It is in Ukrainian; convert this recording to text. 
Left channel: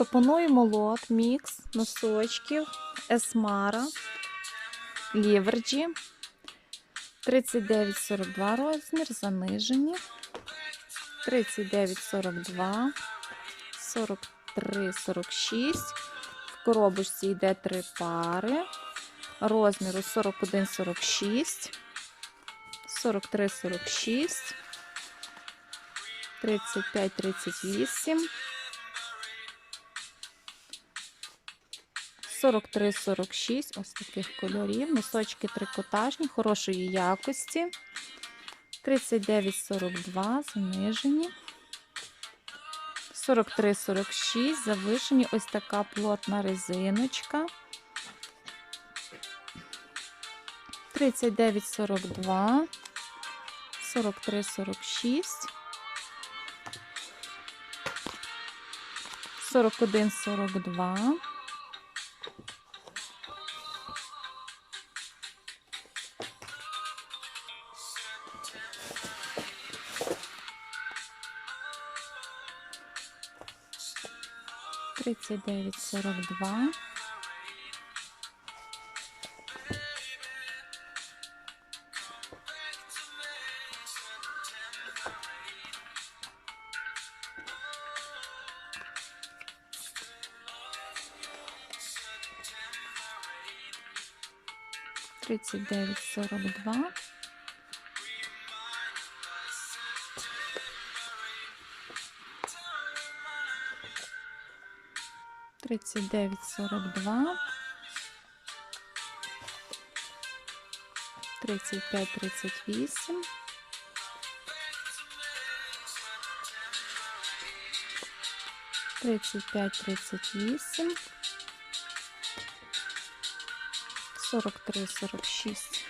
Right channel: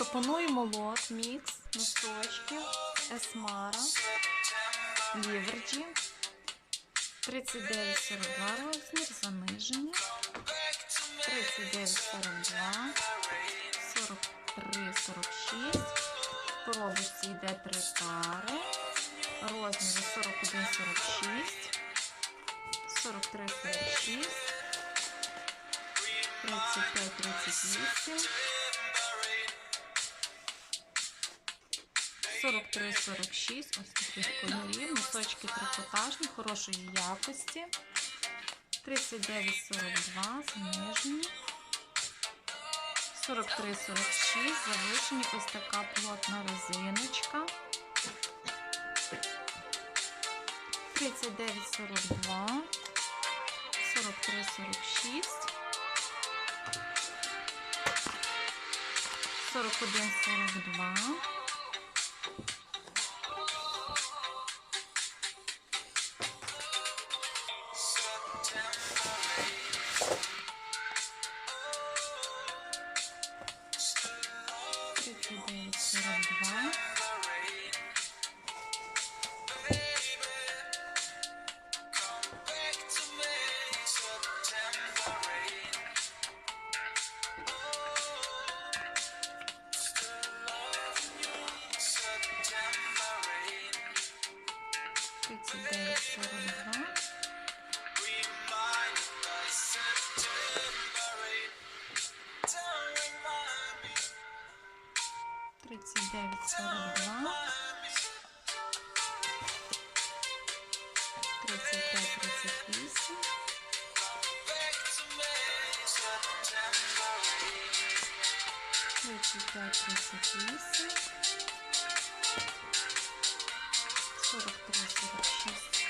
Пропонуємо лот, мікс носочків, есмара, ліверджі. 39,42 розмір, занижені. 39,42, 43,46. В коробочці йде три пари. Розміру 41,46, 43,46, 35,38. 43-46, ось таких кольорів. Носочки трикотажні, хорошої якості. 39-42, занижені. 43-46, завишені. Ось така плотна резиночка. 39-42, 43-46. 41-42. Тридцять дев'ять сорок два. Тридцять дев'ять сорок два. 39,42, 35,38, 35,38, 43,46,